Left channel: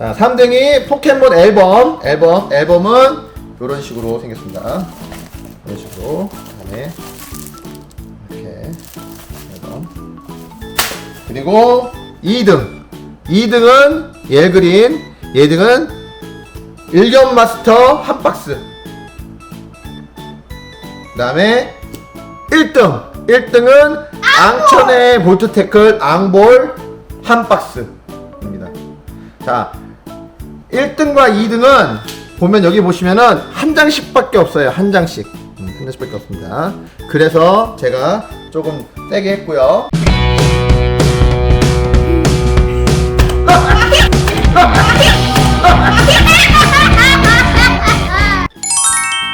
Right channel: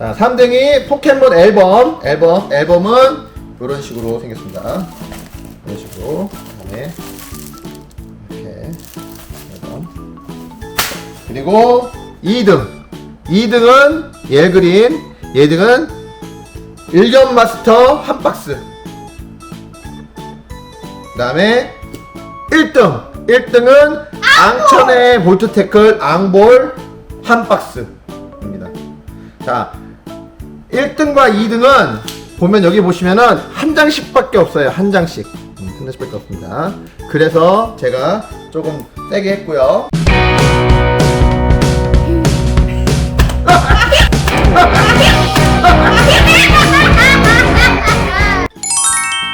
자, 3등이 포켓몬 앨범. 앨범. 앨범은 이런 식으로 생겼습니다. 이런 식으로. 그다음에 이렇게 앨범. 그리고 2등. 2등은 예그린. 얘등은 일견 마스터 한 박스. 그 다음에 1등. 1등은 앙천의 볼트 태클 앙볼 한 박스입니다. 자, 1등과 2등은 보면 여기 보시면은 한 장씩밖에 없어요. 한 장씩. 음, 한 장씩밖에 없습니다. 그래서 제가 조금 세게 했고요.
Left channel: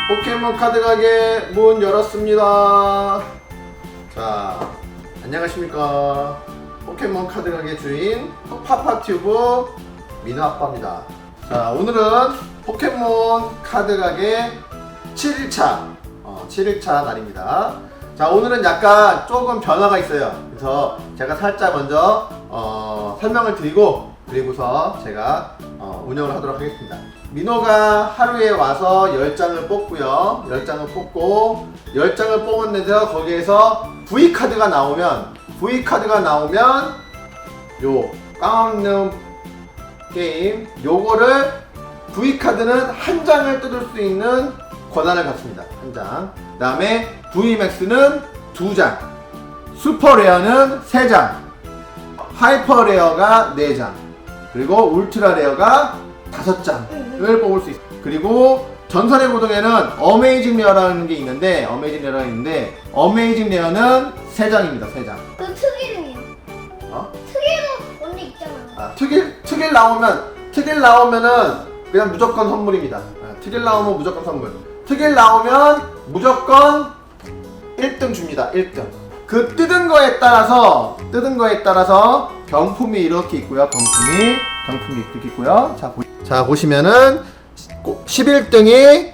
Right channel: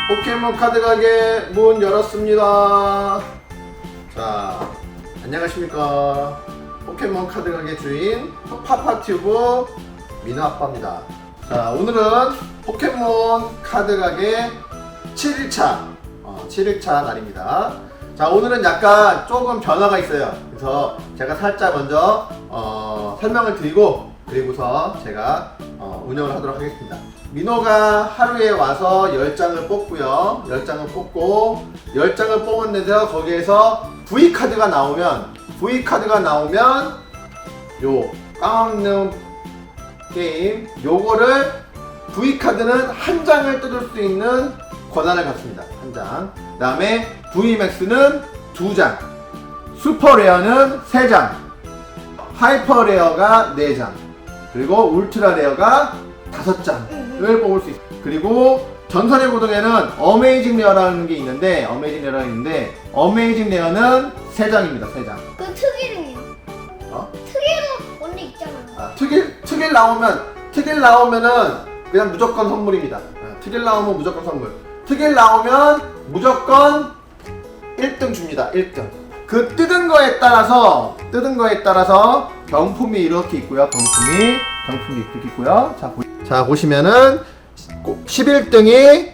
포켓몬 카드 가게 문 열었습니다. 자, 안녕하십니까. 포켓몬 카드 가게 주인 파파튜브 민호 아빠입니다. 자, 오늘은 포켓몬 카드 가게 7일차, 어, 7일차 날입니다. 자, 오늘은 약간 조금 변화가 있어요. 그래서 제가 살짝 먼저 어, 설명을 드리고 그리고서 제가 어, 운영을 하도록 하겠습니다. 민호가 하루에 와서 10장을 뽑고요. 10장을 뽑고 10장을 뽑았는데요. 거기에서 V카드가 나오면 V카드가 나오면 요 깡없는 게임 요거를 V카드는 한 장을 뜯을 수 있는 권한을 갖습니다. 한 장. 그 다음에 VMAX는 두 장. 슈퍼레어는 세 장. 하이퍼레어가 네 장. 그리고 울트라레어가 다섯 장을 뽑을 수 있어요. 그리고 전설의 고등에는 어메이징 레어라는 게 있는데 어메이징 레어가 있는데 어메이징 레어는 세 장입니다. 세 장. 그 특일은 어? 특일 원래 있잖아. 아, 특일 특일 나오면 특일 나오면은 그냥 무조건 선물입니다. 아, 특일 나오면 무조건 선물. 특일 나오면 무조건 1등 줍니다. 1등. 그 뜯은 거에 따라서 뜯은 거에 따라서 경품이 이렇게 있고요. 경품이 경품이 이렇게 있고요. 자, 보, 자 보시면은 11등이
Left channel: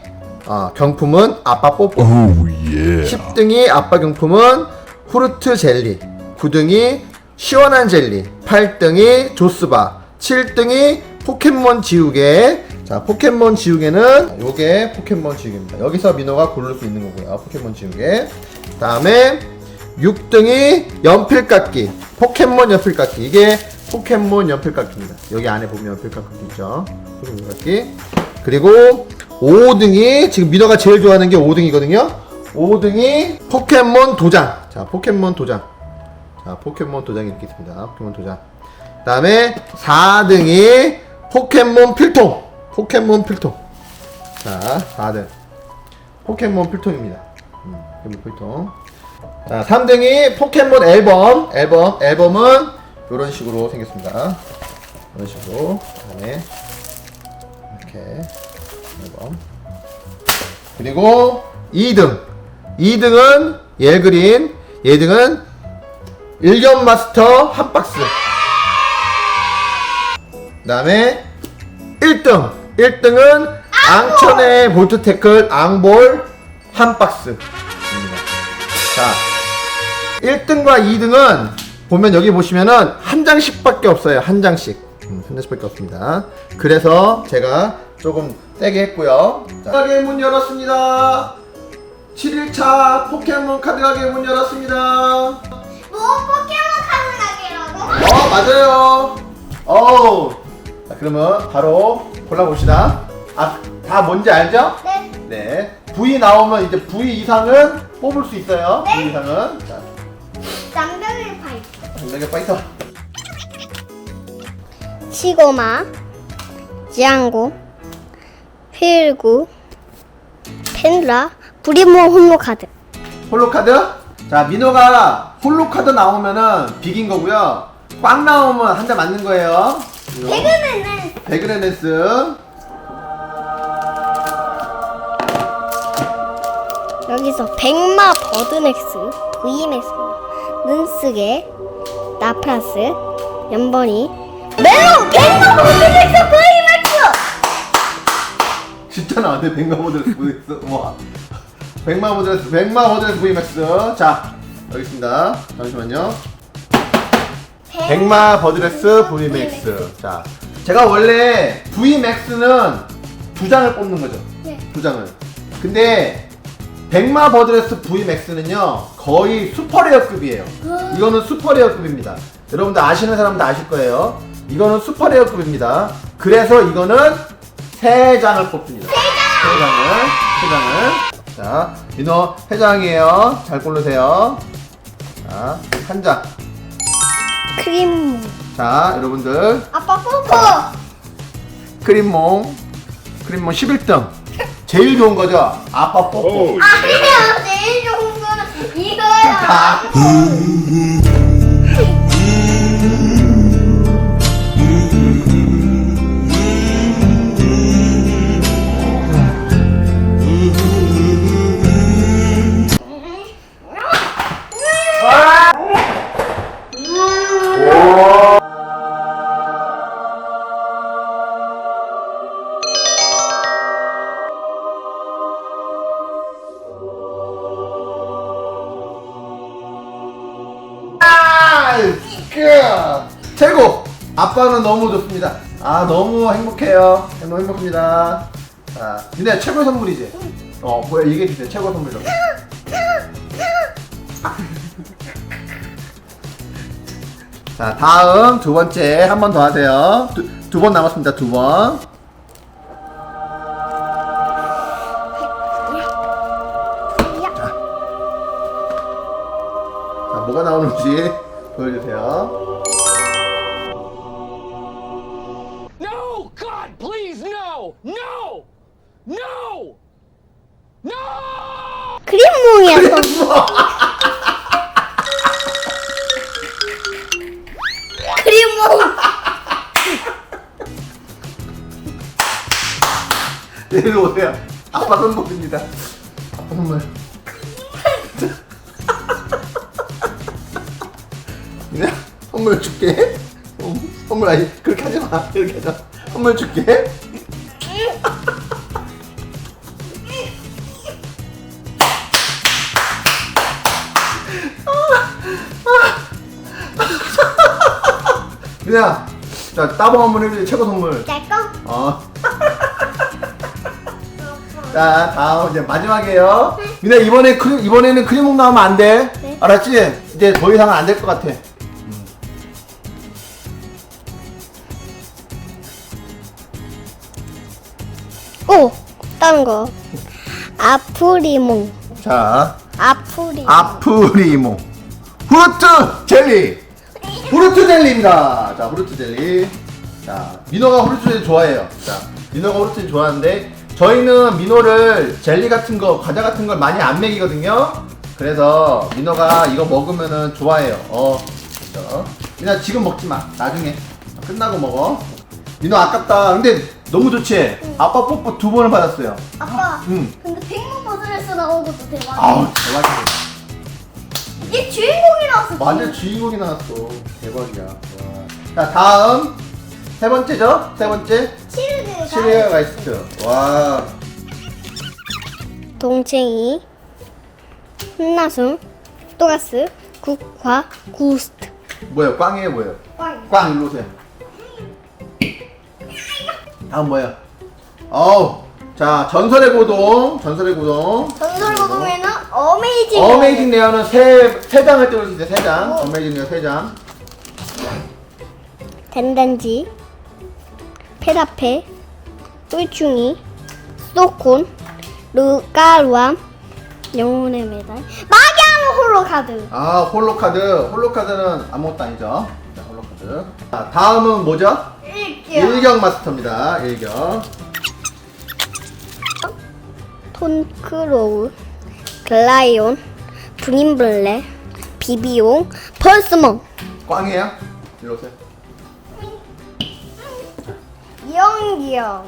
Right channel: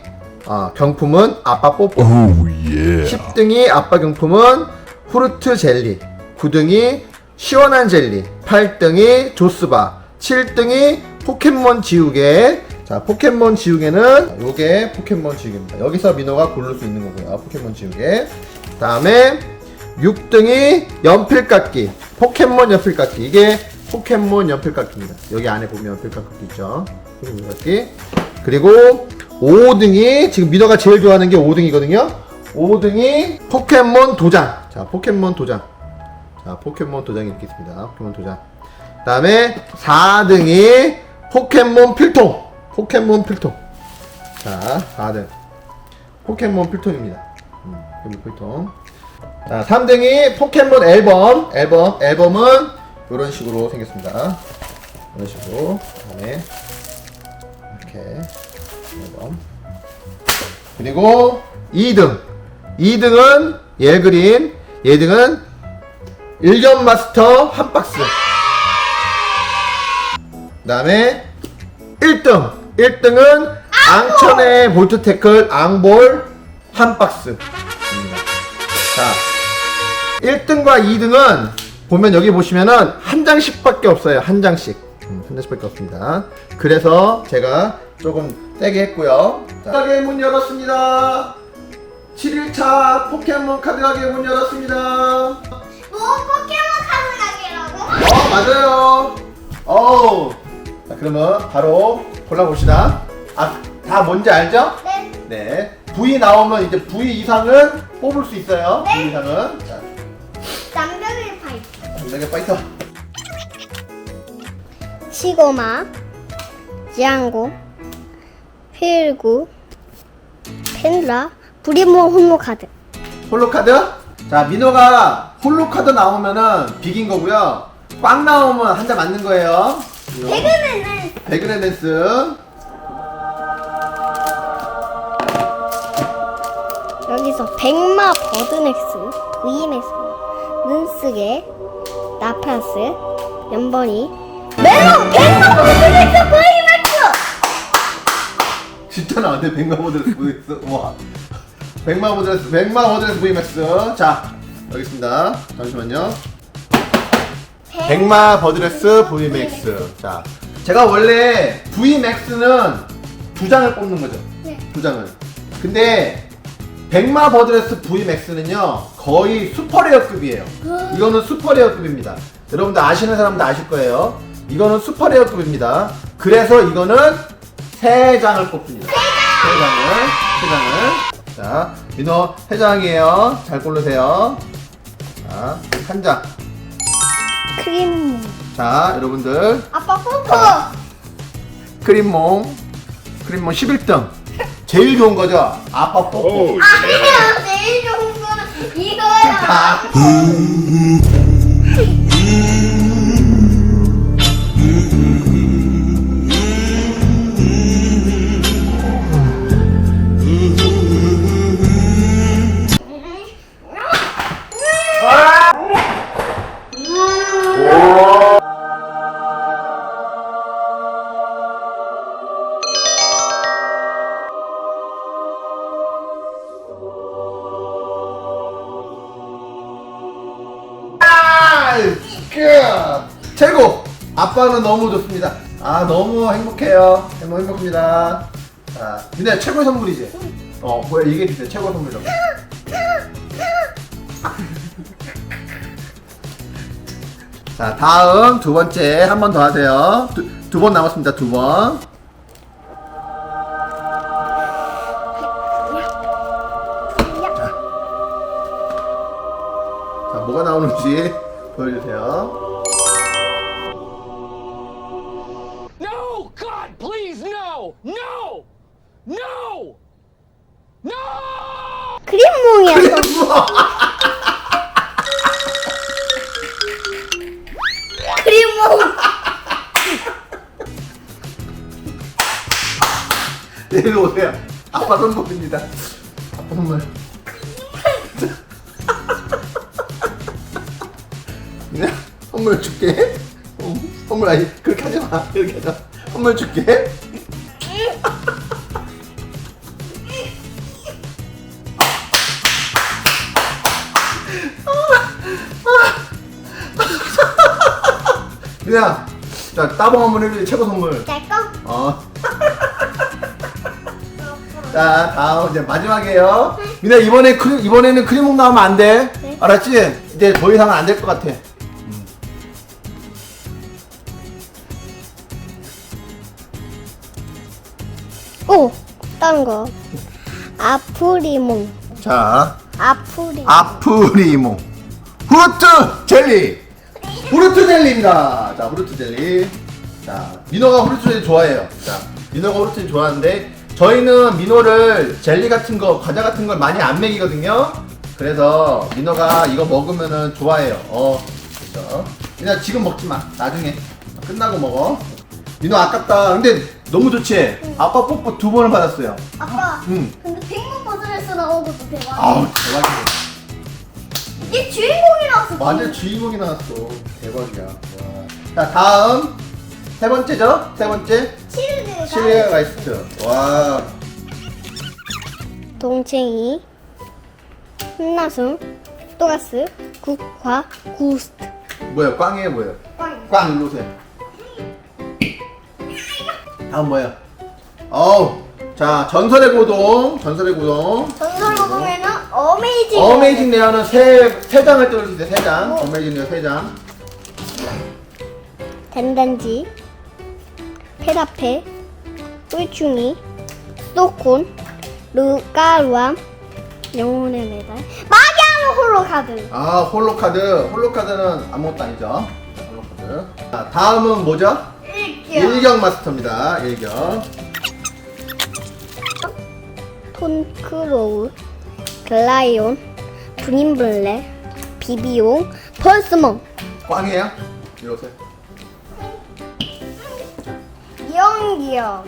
어, 경품은 아빠 뽀뽀. Oh yeah. 10등이 아빠 경품은 후르트 젤리, 9등이 시원한 젤리, 8등이 조스바, 7등이 포켓몬 지우개. 자, 포켓몬 지우개는 요게 포켓몬 지우개입니다. 여기서 민호가 고를 수 있는 거고요. 포켓몬 지우개. 다음에 6등이 연필깎이, 포켓몬 연필깎이. 이게 포켓몬 연필깎이입니다. 여기 안에 보면 연필깎이 있죠. 포켓몬 연필깎이. 그리고 5등이 지금 민호가 제일 좋아하는 게 5등이거든요. 5등이 포켓몬 도장. 자, 포켓몬 도장. 자, 포켓몬 도장이 이렇게 있습니다. 포켓몬 도장. 그 다음에 4등이 포켓몬 필통. 포켓몬 필통. 자, 4등. 포켓몬 필통입니다. 음, 포켓몬 필통. 자, 3등이 포켓몬 앨범. 앨범. 앨범은 이런 식으로 생겼습니다. 이런 식으로. 그 다음에 이렇게 앨범. 그리고 2등. 2등은 예그린. 얘등은 일견 마스터 한 박스. 그 다음에 1등. 1등은 앙천의 볼트 태클 앙볼 한 박스입니다. 자, 1등과 2등은 보면 여기 보시면은 한 장씩밖에 없어요. 한 장씩. 음, 한 장씩밖에 없습니다. 그래서 제가 조금 세게 했고요. 자, 가게 문 열었습니다. 7일차 포켓몬 카드 가게 문 열었습니다. 어, 뭐 포켓몬 카드 가게라고? 맞아요. 어우. 자, 그러면 바로 골라봅시다. 아, 다 뭔지 알죠? 네. 네. V 나오면 이제 V 이상은 뽑을 수 있어요. V 이상은. 자, 남별의 파이. 장력의 파이터. 시고마, 지앙고, 필구, 펜라, 브리모 홈로 카드. 홀로 카드. 자, 민호가 홀로 카드 나오면은 비긴 거고요. 꽝 나오면 한 대 맞는 거예요. 배그맨은 배그레멘스. 여기서 백마 버드맥스, V맥스, 눈쓰게, 나프라스, 연번이, 메론 백마 버드맥스, V맥스! 진짜 나왔네. 백마 모델스 V맥스. 와. 백마 모델스, 백마 모델스 V맥스. 자, 여기 있습니다. 잠시만요. 백마 버드레스 VMAX. 자, 제가 원래 VMAX는 두 장을 뽑는 거죠. 네. 두 장을. 근데 백마 버드레스 VMAX는요 거의 슈퍼레어급이에요. 이거는 슈퍼레어급입니다. 여러분들 아시는 사람도 아실 거예요. 이거는 슈퍼레어급입니다. 그래서 이거는 세 장을 뽑습니다. 세 장을, 세 장을. 자, 민호 세 장이에요. 잘 고르세요. 자, 한 장. 크림. 자, 여러분들 아빠 뽀뽀. 크림몽, 크림몽 11등. 제일 좋은 거죠? 아빠 뽀뽀. Oh, 아니야, 제일 좋은 거는 이거야. 아, 최고! 아빠는 너무 좋습니다. 아, 너무 행복해요. 너무 행복합니다. 자, 니네 최고의 선물이지? 어, 뭐야, 얘기해주세요. 최고 선물이라고. 자, 다음 두 번째 한 번 더 하세요. 두 번 남았습니다. 두 번. 자, 뭐가 나오는지 보여주세요. No! God, please, no! No! No! No! 크림몽이야. 크림몽. 내일 오세요. 아빠 선물입니다. 아빠 선물. 선물 줄게. 어, 선물 아니 그렇게 하지 마. 이렇게 하자. 선물 줄게. 그냥 자 따봉 한번 해주세요. 최고 선물. 내 거? 어. 자, 다음 이제 마지막이에요. 미나 이번에 크림 이번에는 크림몽 나오면 안 돼. 네. 알았지? 이제 더 이상은 안 될 것 같아. 오, 다른 거. 아프리몽. 자, 아프리. 아프리몽 후르트 젤리. 후르트 젤리입니다. 자, 후르트 젤리. 자, 민호가 후르트 젤리 좋아해요. 자, 민호가 후르트 젤리 좋아하는데 저희는 민호를 젤리 같은 거, 과자 같은 걸 많이 안 먹이거든요. 그래서 민호가 이거 먹으면은 좋아해요. 어, 그렇죠. 민호 지금 먹지 마. 나중에 끝나고 먹어. 민호 아깝다. 근데 너무 좋지. 아빠 뽀뽀 두 번을 받았어요. 아빠. 응. 근데 백만 버전에서 나온 것도 대박. 아우 대박이야. 얘 주인공이라서. 완전 주인공이 나왔어. 대박이야. 와. 자 다음 세 번째죠? 세 번째 치르드가. 시리얼 라이스트. 와. 동쟁이. hun나승. 또가스. 국화. 구스트. 뭐야? 꽝이에요, 뭐예요? 꽝. 꽝 일로 오세요. 다음 뭐야? 어우. 자 전설의 고동. 전설의 고동. 전설 보면은 어메이징. 어메이징 레어는 세, 세 장을 띄워주세요. 세 장. 어메이징 레어 세 장. 덴덴지. 페라페. 꿀충이. 수도콘. 루가루암. 영혼의 메달. 막양 홀로카드. 아 홀로카드. 홀로카드는 아무것도 아니죠. 자, 홀로카드. 자 다음은 뭐죠? 일기요. 일경 마스터입니다. 일경. 톤크로우. 글라이온. 브림블레. 비비용. 펄스몬. 꽝이에요? 이리 오세요. 영기영.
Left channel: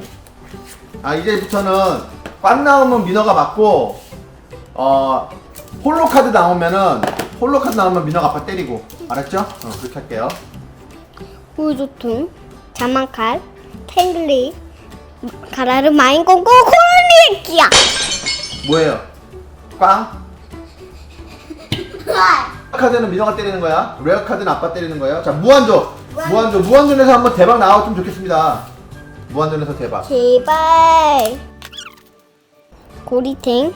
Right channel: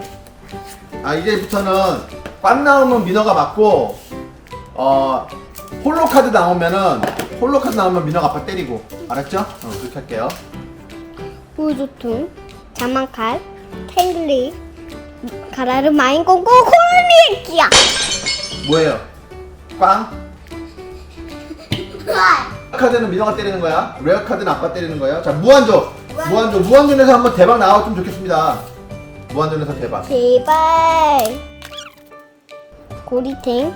아 이제부터는 꽝 나오면 민호가 맞고 어 홀로 카드 나오면은 홀로 카드 나오면 민호가 아빠 때리고 알았죠? 어 그렇게 할게요. 후주퉁. 자만칼. 탱글리. 가라르 마인공고 콜리기야. 뭐예요? 꽝? 카드는 민호가 때리는 거야. 레어 카드는 아빠 때리는 거예요. 자 무한조 무한전 무한전에서 한번 대박 나왔으면 좋겠습니다. 무한전에서 대박. 제발. 고리탱,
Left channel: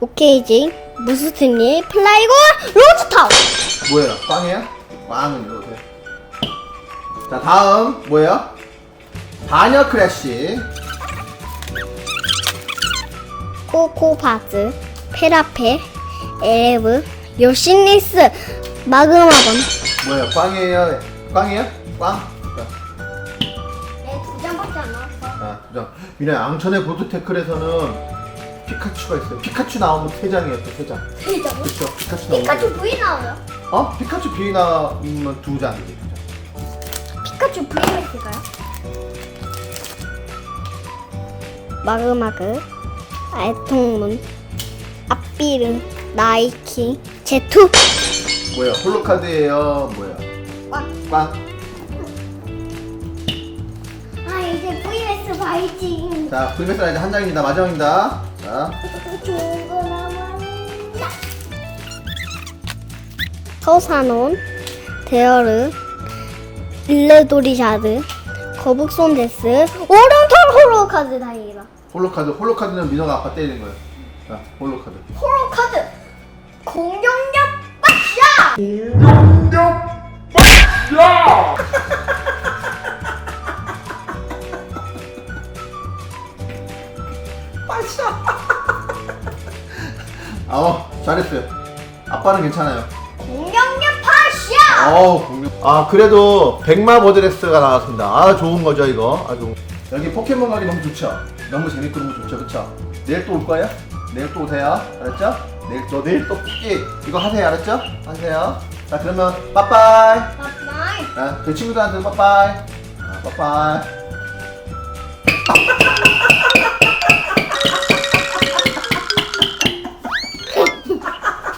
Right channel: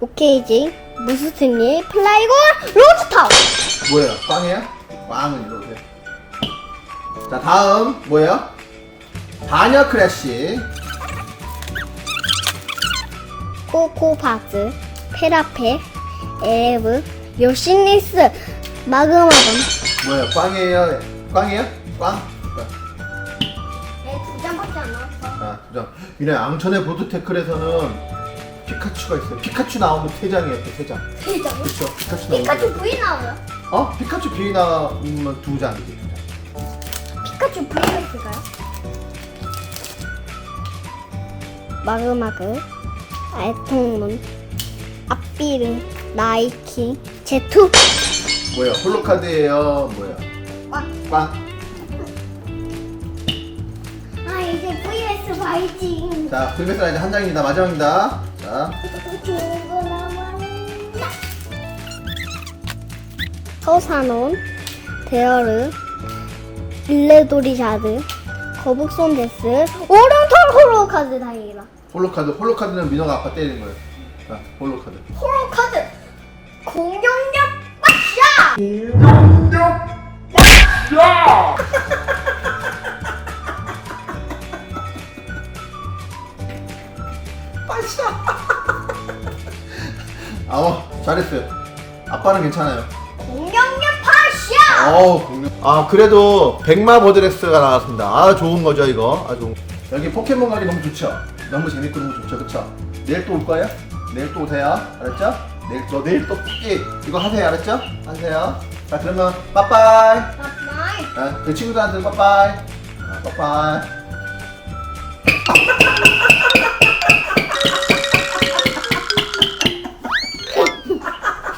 오케이지, 무스트니, 플라이고, 로스터. 뭐예요? 빵이야? 빵은 이러세요. 자 다음 뭐예요? 바녀 크래쉬. 코코바즈, 페라페, 에브, 요시니스, 마그마건. 뭐예요? 내두 장밖에 안 나왔어. 아, 앙천의 보드테클에서는 피카츄가 있어요. 피카츄 나오는 세 장이에요, 또세 장. 세 장? 그렇죠. 피카츄 나오는 피카츄 세 V 나와요? 장. 어? 피카츄 비 나오면 두 장이지. 피카츄 V가 있을까요? 마그마그, 알통문, 앞비름, 나이키, 제투. 뭐야? 홀로카드예요. 뭐야? 꽉. 빵. 아 이제 VS 봐야지. 자, 불베스 라이드 한 장입니다. 마지막입니다. 자, 좋은 거 남았나? 서사논, 데어르, 빌레도리자드, 거북손 데스, 오른털 홀로카드 다행이다. 홀로카드. 홀로카드는 민호가 아빠 때리는 거예요. 자, 홀로카드. 홀로카드 공격력 빠샤! 아, 어, 잘했어요. 아빠는 괜찮아요. 어우, 공룡. 아, 그래도 백마 버드레스가 나왔습니다. 아, 좋은 거죠, 이거. 아주. 여기 포켓몬 가기 너무 좋죠? 너무 재밌고 너무 좋죠, 그쵸? 내일 또 올 거예요? 내일 또 오세요. 알았죠? 내일 또, 내일 또 삐! 이거 하세요, 알았죠? 하세요. 자, 그러면, 빠빠이. 빠빠이. 아, 그 친구들한테는 빠빠이. 아, 빠빠이.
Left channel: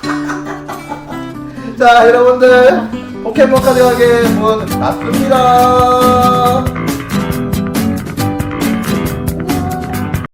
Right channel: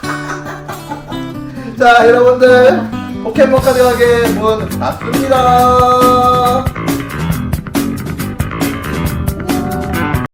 자, 여러분들. 포켓몬 카드 가게 문 닫습니다.